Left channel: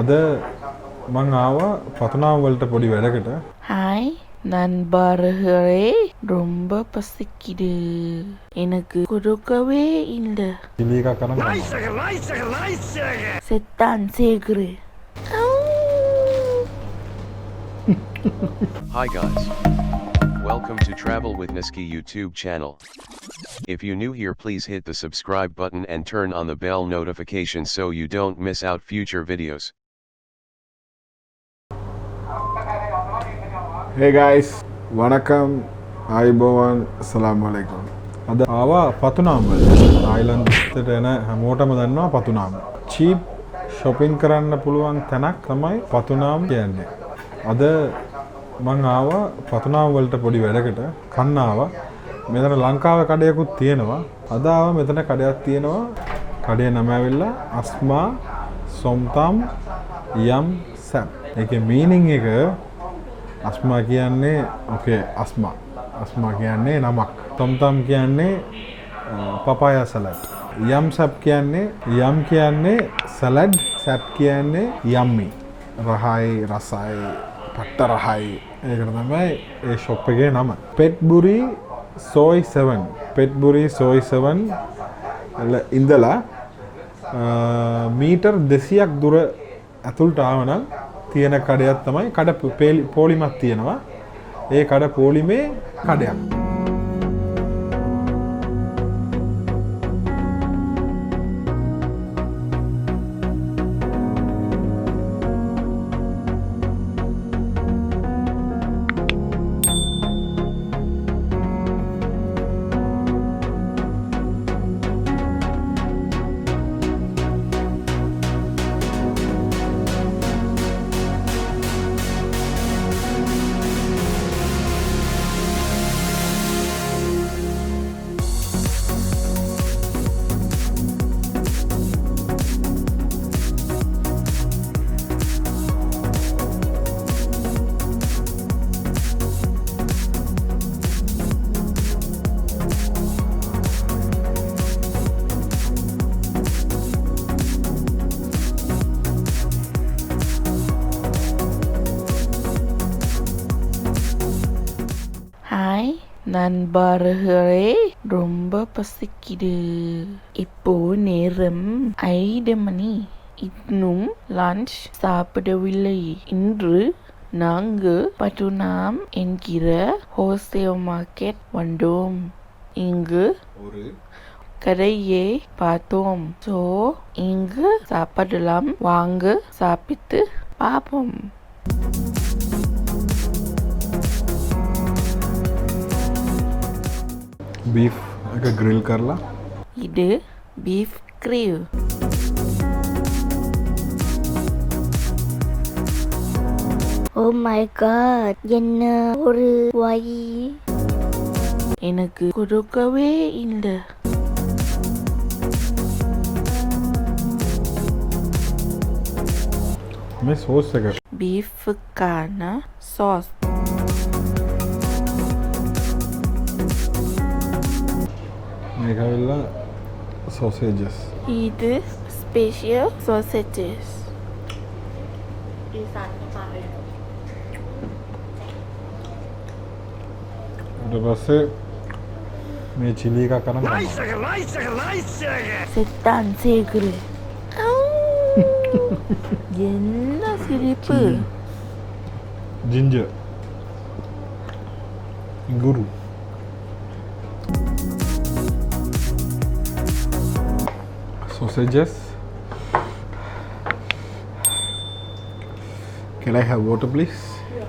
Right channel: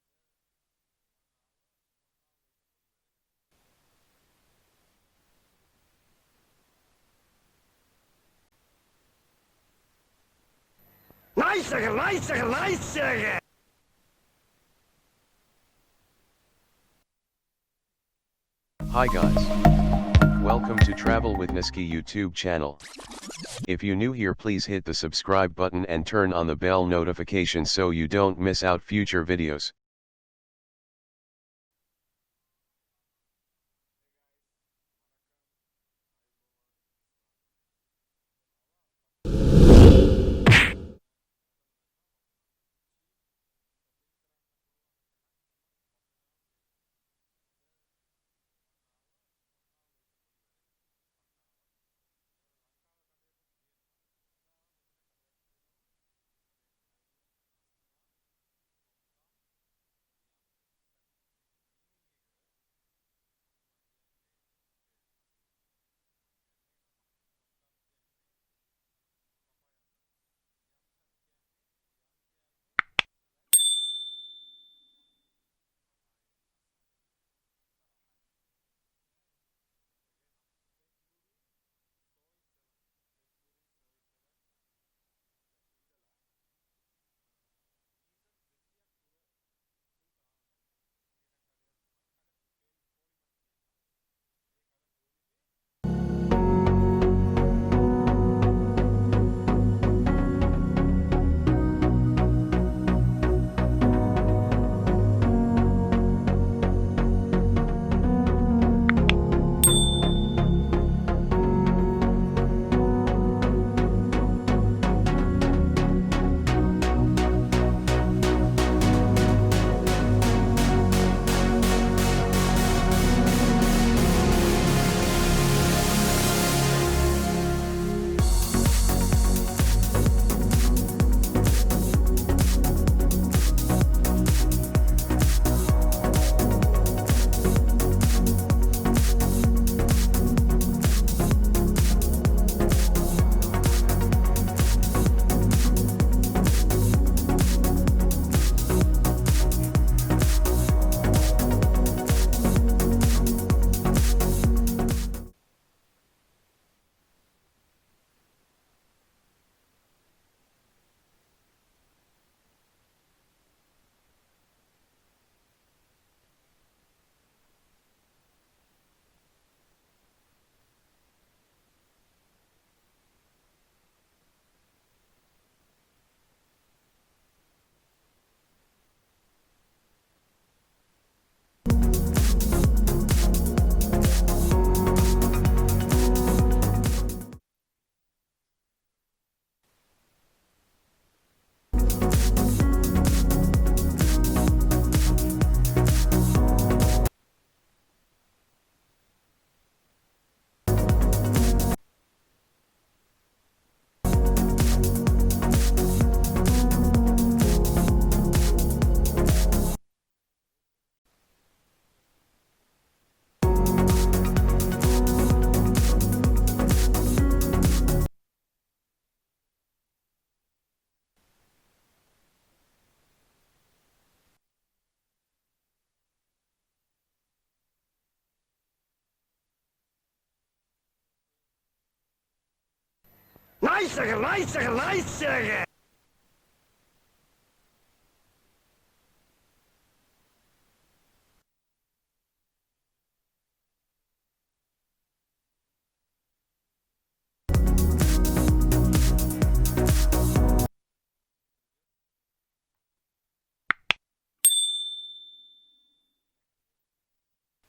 අද මං ආවා පතුනාම් වලට පොඩි වැඩකට. ஹாய் நண்பர்களே ரொம்ப பசிக்குது எனக்கு கொடுக்கவே இல்லை chili එකක් කරන්න. செத்தான் சேகுரு Hi guys. Welcome to Travel with Nusky YouTube channel. If you new here, please hit the subscribe button and turn on the bell notification so you don't miss out future videos. Hey guys, වණකම් ආයිබෝවන් අස්සලාමු අලයිකුම්. අද ආවා පතුනාම් වලට. තායිලන්ත එකට එන හැමෝටම දන්නවා පතුනාම්. cheap shopping කරන්න පුළුවන් තැනක් තමයි පතුනාම් කියන්නේ. අද මං ආවා පතුනාම් වලට පොඩි වැඩකට. කන්න ආවා. මෙතන ලංකාවේ කඩයකුත් තියෙනවා. අද ආවා මෙතන කඩයක් තියෙනවා. කඩේ නම ඇවිල්ලා අස්මා සොම්තම් යම් සැප්. ඒකේ මීනින් එක අස්මා කියන්නේ ඕකේ අස්මා කියන්නේ නමක්. තොම්තම් කියන්නේ පපායා සලාඩ්. යම් සැප් කියන්නේ සලාඩ්. සැප් කියන්නේ යම්මි. රහයි රසයි පට්ට රහයි. ඒකට තමයි ඒ ෂොප් එකේ නම. phetburi soy 7. phetburi soy 7 ඉඳලා මීටර් 200ක් දුර ඇතුළට ආවනම් තියෙන කඩයක් තමයි කඩ පොලිමක් තියෙනවා. ඒ කඩ පොලිමේ කඩයක්. நண்பர்களே ரொம்ப பசிக்குது இப்போ நேரம் 5 மணி இன்னும் லஞ்ச் சாப்பிடவில்லை இன்று நாங்கள் பட்டுனாம் என்கிற ஹோல்சேல் மார்க்கெட் வந்தோம் இங்கு ஒரு கடையை பார்த்தோம் ஸோ இங்கு சாப்பிடலாம் வாங்க சாப்பிட்டு பார்ப்போம் beef එක grill කරලා இது beef grill Oh my god, என்ன ஒரு வழி. எனக்கு கொடுக்கவே இல்லை මේ sauce එක பீஃபுக்கான சாஸ் මේක ඇවිල්ලා sausages. இது ஸ்பெஷல் sausages ඊට පස්සේ මේ chili එකක් කරන්න. செத்தான் சேகுரு என்ன சிரிப்பு ginger guru sausages. Can I have water please?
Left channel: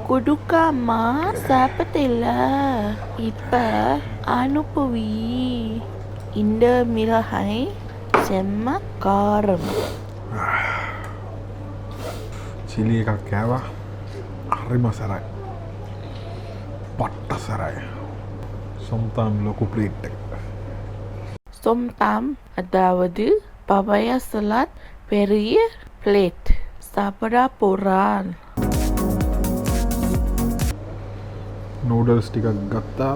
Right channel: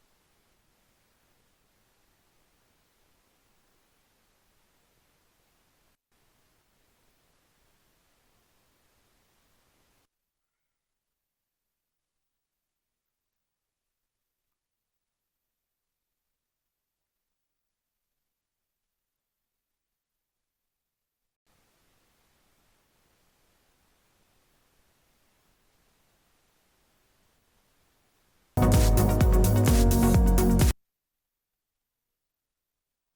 கொடுக்காமா சாப்பிட்டில்ல இப்ப அனுப்புவி இந்த மிளகாய் செம்ம காரம் chili එකක් කෑවා. හරිම සරයි. පට්ට සරයි. සොම්තම් ලොකු ප්ලේට් එක. சோம்தாம் அதாவது பப்பாயா சலாட் பெரிய பிளேட் சாப்பிட போறான் noodles ටිකක් ගත්තා.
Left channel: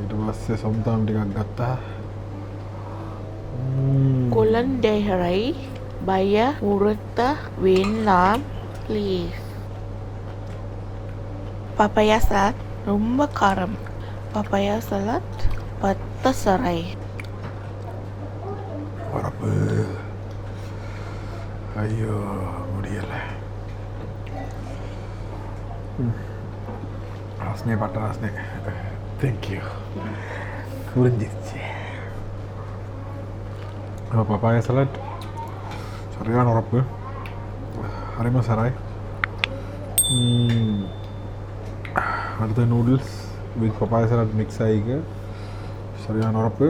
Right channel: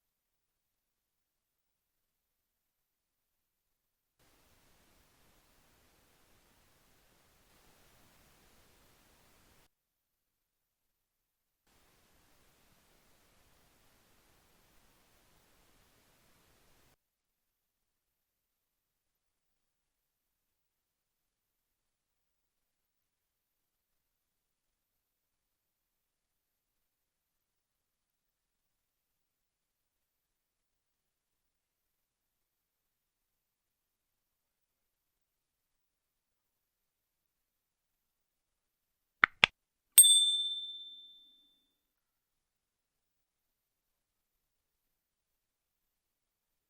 ඊට පස්සේ සොම්තම් ටිකක් ගත්තා. குழந்தைகளை Bayar urut வேண்டாம் please. Papaya salad ரொம்ப காரம். Papaya salad 10 serai. வரப்பு ஐயோ முடியலை ராஸ்னே பட்ட ராஸ்னே தேங்க்யூ புரிஞ்சிருச்சு பப்பாயா சலாட் சரியான உரப்பு அரைமா சராய் அடுத்த noodles with papaya salad mix ஆகிக்க சரியான உரப்பு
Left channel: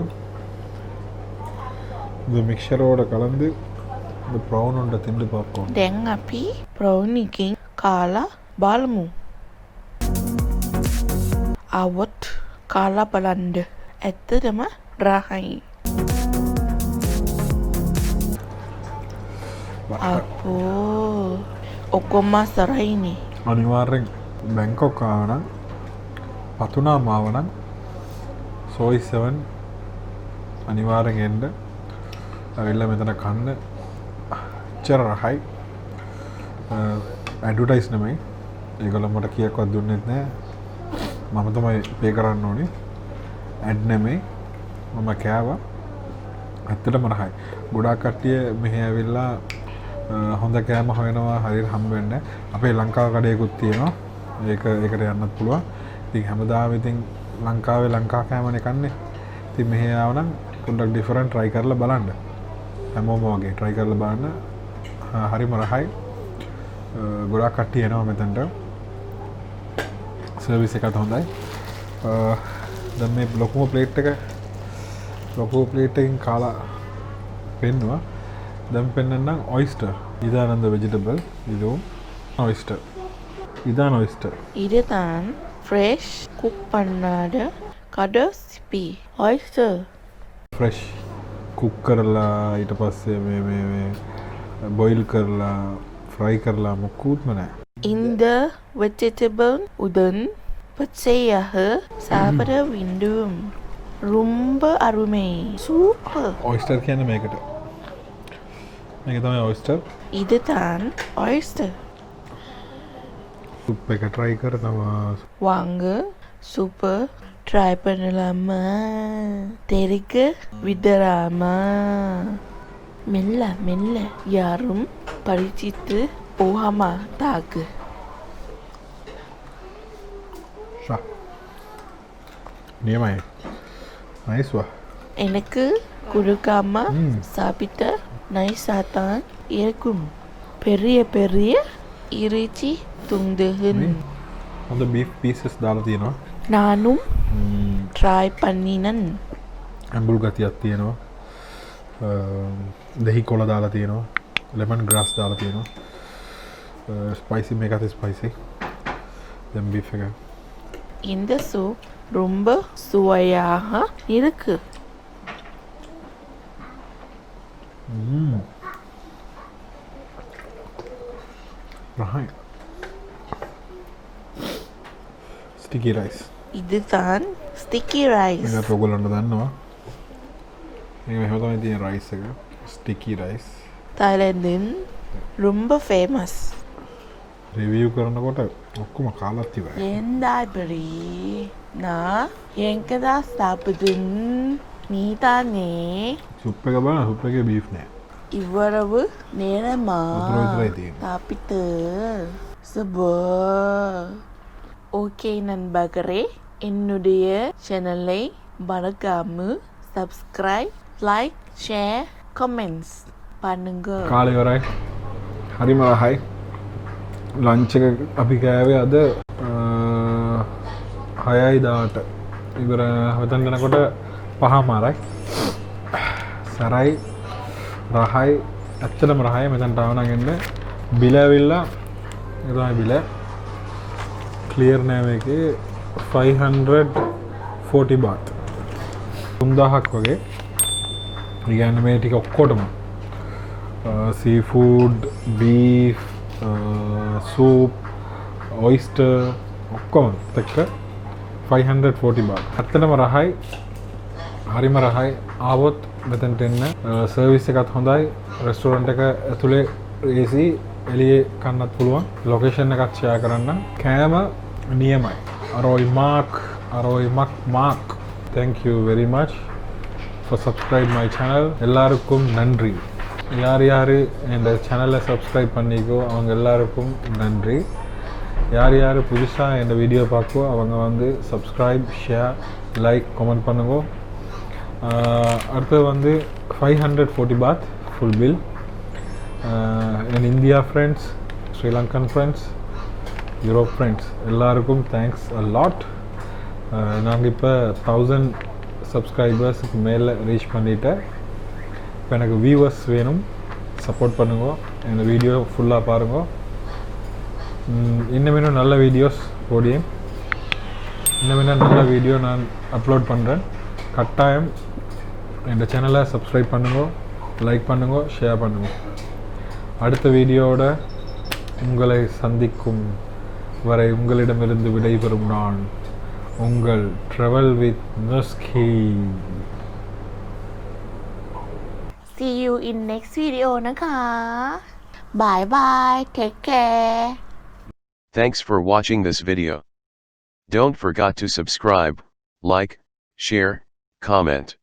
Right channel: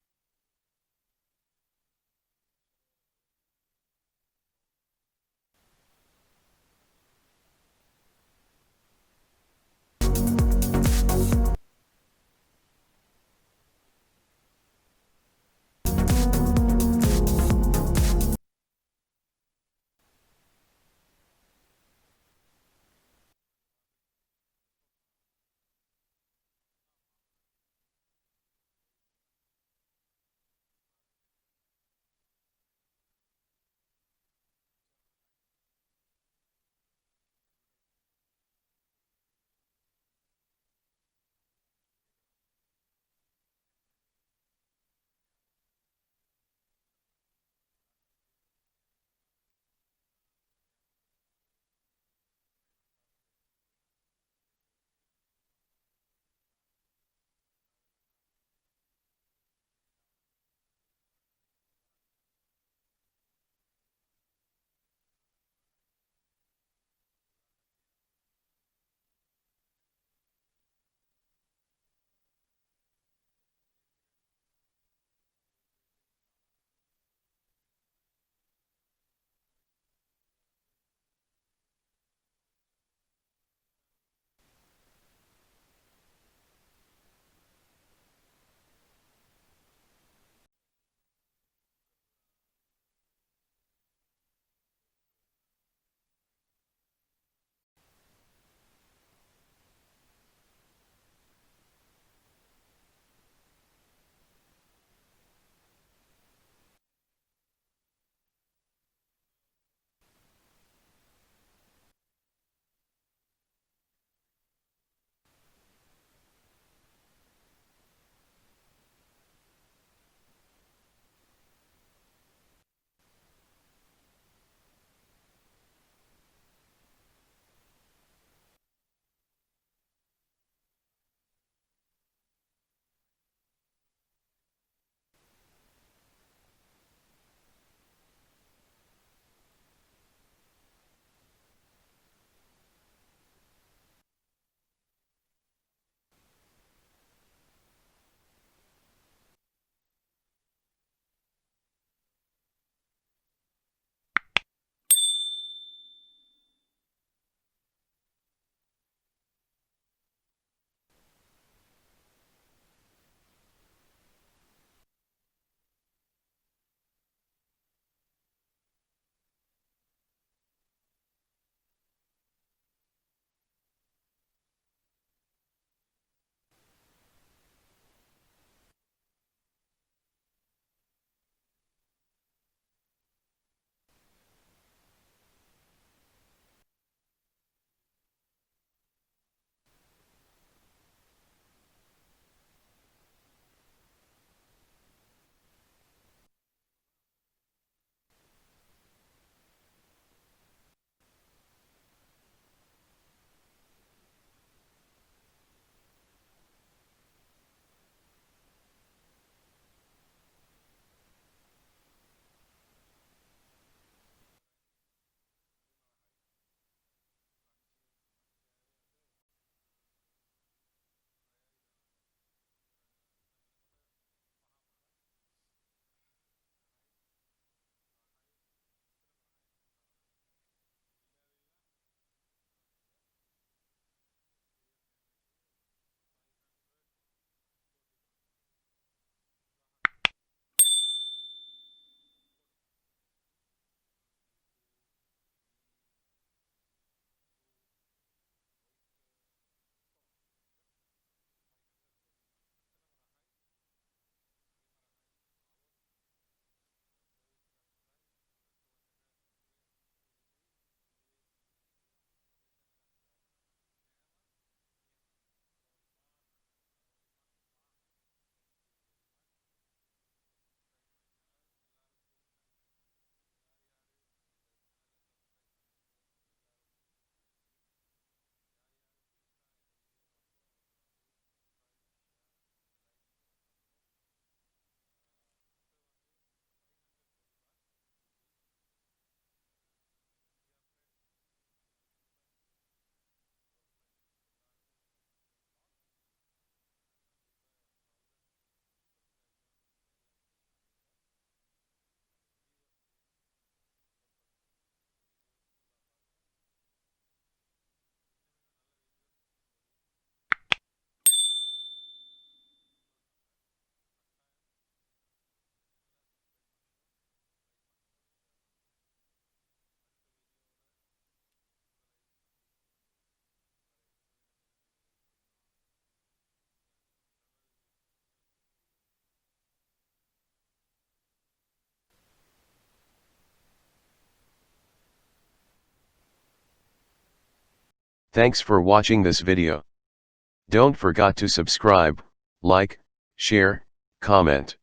இந்த மிக்சரோட கலந்து இந்த ப்ரௌன் உண்டை திண்டு பார்ப்போம். දැන් අපි ප්‍රවුන් එකකින් කාලා බලමු. આવොත් කාලා බලන්න. ඇත්තටම රහයි. අපෝ ඔක්කොම සරයිනේ. අනිවාර්යෙන් බැංකොක් ආවනම් පතුනාම ආවනම් සෝයි 7 අනිවාර්යෙන් එන්න. ඇවිල්ලා මෙතන කන්න එච්චර රහයි. ඇඩ්වර්ටයිස් නෙමෙයි. ඒගොල්ලෝ මට කීයක්වත් දුන්නෙත් නෑ. මම තමයි පේ කරන්න ඕනේ. ඇඩ් නෙමෙයි. මම කෑවා. ඇත්තටම රහයි. ගොඩාක් කට්ටිය මෙහෙ ඇවිල්ලා හොඳ කෑම හොයනවා හරියට හම්බ වෙන්නේ. අපේ ලංකාව කඩේකුත් තියෙනවා. ඒකට යන්නත් පුළුවන්. ඉතින් හැමදාම ඉතින් ලංකාවේ ලංකා කෑමනේ කන්නේ. ඉතින් මෙහෙ ආවනම් පොඩ්ඩක් ඩිෆරන්ට් try කරලා බලන්න. හැමෝම වගේ try කරලා බලන්න. හරිම රහයි. ගොඩාක් කට්ටිය එනවා මෙතනට. සර්විස් එකත් හොඳයි. දැන් මේ ලොකුම ප්ලේට් එකකින් කාලා පෙන්නවා. දැන් පෙන්නන්නම් ඔයිස්ටර්. ඉදානන්ද වෙජිටබල්. ඉදෝ ඔයිස්ටර්. இதான் oyster. இதுதான் ஃப்ரெஷ் குக் பண்ணாத கடைசி oyster. फ्रेश कुक කරලා ඊට පස්සේ මේ බොයිල් කරලා ஃப்ரை කරලා මොකුත්ම නැහැ. இந்த vegetable உடன் பச்சையாக சாப்பிட வேண்டும். ரொம்ப அருமை. சூப்பர். oyster කියන්නේ මේක තමයි oyster. இதுதான் oyster. සුප් එක try කරනවා. வாங்க சூப்பர் ட்ரை பண்ணலாமா? தெரிக்க விடலாமா? மெல்ல மெல்ல யாரும் பரிச்சித்து போகாமா தாக்கு. ஷா நியமாய் நைஸ்வா. எனக்கு கொடுக்காம சாப்பிட்ட நைஸாத்தான் இருக்கும். பெரிய பெரிய இறைச்சி துண்டுகள். அந்த beef pieces දාලා තියෙනවා. நானும் ட்ரை பண்ணினன். ඇඹුල් ගතියක් තියෙනවා. දහි කොළ දාලා තියෙනවා. lemon grass දාලා තියෙනවා. spicy මේකත් spicy. then beef එක. இந்த சூப் ரொம்ப சுவையாக இருக்கு. right. sticky rice. இதுதான் sticky rice. මේකට ඔයගොල්ලන්ට දන්නවා. මේක මෙහෙම තමයි තියෙන rice එක. sticky rice. தாய்லாந்தின் ரொம்ப ஃபேமஸ். රිවිව් කරනකොට ඔක්කොම කාලත් ඉවරයි. ஏந்தாபரி நான் எங்கதா சாப்பிடுன் நீதானே සුප් එක බලන්න සුප් එකේ beef නෑ. இவ்வளவு நேரமா වතුර විතරයි තියෙන්නේ. சாப்பிட்டு சபோ. ஓகே நண்பர்களே, என்னுடைய சேனலை மறக்காம சப்ஸ்கிரைப், லைக், ஷேர், கமெண்ட்ஸ் பண்ணுங்க. කාලේ ඉවරයි. හරිම රහයි. ලන්ච් එක අපි කෑවේ අද 6:10ට. ඉවර හතන් යනකොට 5:00මාරයි. සරයි රහයි. ඇත්තටම රහයි. මෙතනට ආව නම් එන්න. බිල ඇවිල්ලා ඒ තමයි බිල. ක්ලියර් නෑ මේකේ 540 baht. 3000ක් වගේ. ඒ කියන්නේ මේ ටික ඔක්කොටම sea food, beef, soup, oyster ඔක්කොම එක්ක 540 baht. ඇත්තටම රහයි. හරිම රහයි ආවොත් මෙතනට එන්න සර්විස් එකත් හොඳයි රෙස්ටෝරන්ට් එක ඇතුලේ AC එළියේ කන්නත් පුළුවන් ලොකේෂන් එකත් ෂෙයා කරන්න කෑම නියමයි අරෝයි mark thank you very much for subscribe my channel எல்லாருக்கும் நன்றி யார் யார் இந்த சேனலை சப்ஸ்கிரைப் பண்ணிக்கோ அவங்க எல்லாருக்கும் நன்றி யார் யார் புதுசாக இந்த வீடியோ பார்க்கோ அவங்க வந்து சப்ஸ்கிரைப் ஷேர் லைக் கமெண்ட் பண்ணுங்க அடுத்து வந்து 540 baht full bill in India friends Sri Lankan friends Europe friends எல்லாருக்கும் தேங்க்ஸ் a lot நாங்கள் இப்போ 1000 சப்ஸ்கிரைபர்ஸுக்கு மேலே ரீச் பண்ணிட்டேன் இப்போ எனக்கு வியூவர்ஸ் வேணும் சப்போர்ட் பண்ணுங்க இந்த வீடியோ ஃபுல்லாக பாருங்க இன்னும் நல்ல வீடியோஸ் போடியேன் இன்னும் நல்ல வீடியோ நான் அப்லோட் பண்ணுறேன் கட்டாயம் இந்த சேனலை சப்ஸ்கிரைப் பண்ணுங்க லைக் பண்ணுங்க ஷேர் பண்ணுங்க அடுத்த வீடியோவோட உங்களை சந்திக்கும் வரை உங்களிடமிருந்து விடைபெறும் நான் உங்கள் travel with Nuski see you in next video นะคะ bye bye take care Thanks for watching this video. Don't forget to subscribe, like, share, comment.